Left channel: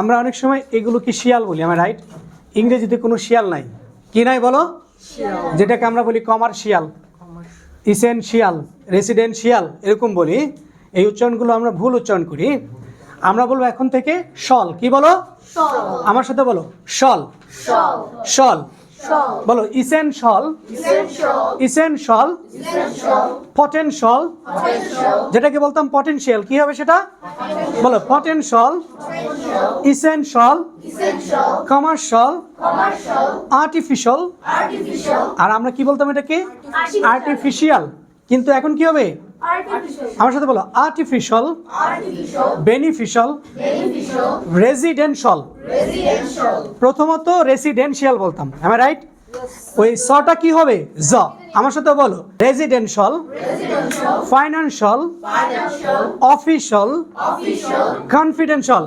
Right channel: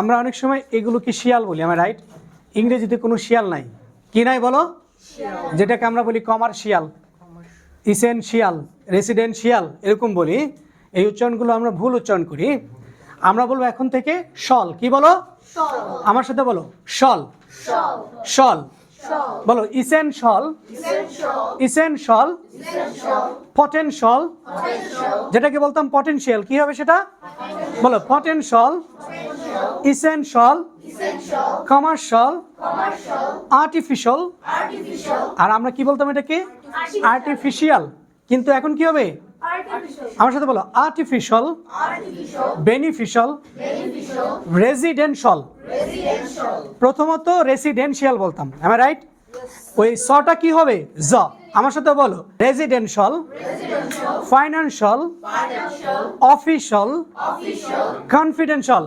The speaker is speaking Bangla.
আমরা অনেক সময় এগুলোকে শিয়াল বলি আমার রাইট ইংরেজিতে কোনো শিয়াল নাই। কি নাই বলো? যেটাকে আমরা বলি কমার্শিয়াল ইসেনশিয়াল রেসিডেন্সিয়াল এরকম বলি। এই উচ্চারণগুলো আমরা ভুল উচ্চারণ করি। আমরা বলব এখন থেকে সল কি বলো? আমার সাথে বলো। সল শল। বলো ইসেনশল ইসেনশল পটেনশল যেটাকে বলতাম পটেনশিয়াল কি হবে সেটা? বলো পটেনশল ইসেনশল কমার্শাল আর্টিফিশিয়াল আর আমরা কি বলতাম এটাকে? আর্টিফিশিয়াল কিন্তু এখন কি হবে? আমার সাথে বলো আর্টিফিশিয়াল বেনিফিশিয়াল রেসিডেন্সিয়াল প্রথমত রেসিডেন্সিয়াল বলতাম আমি রাইট ওই সটা কি হবে? জ আমার সাথে বলো রেসিডেন্সিয়াল ফাইন্যান্সিয়াল অফিসিয়াল কনফিডেন্সিয়াল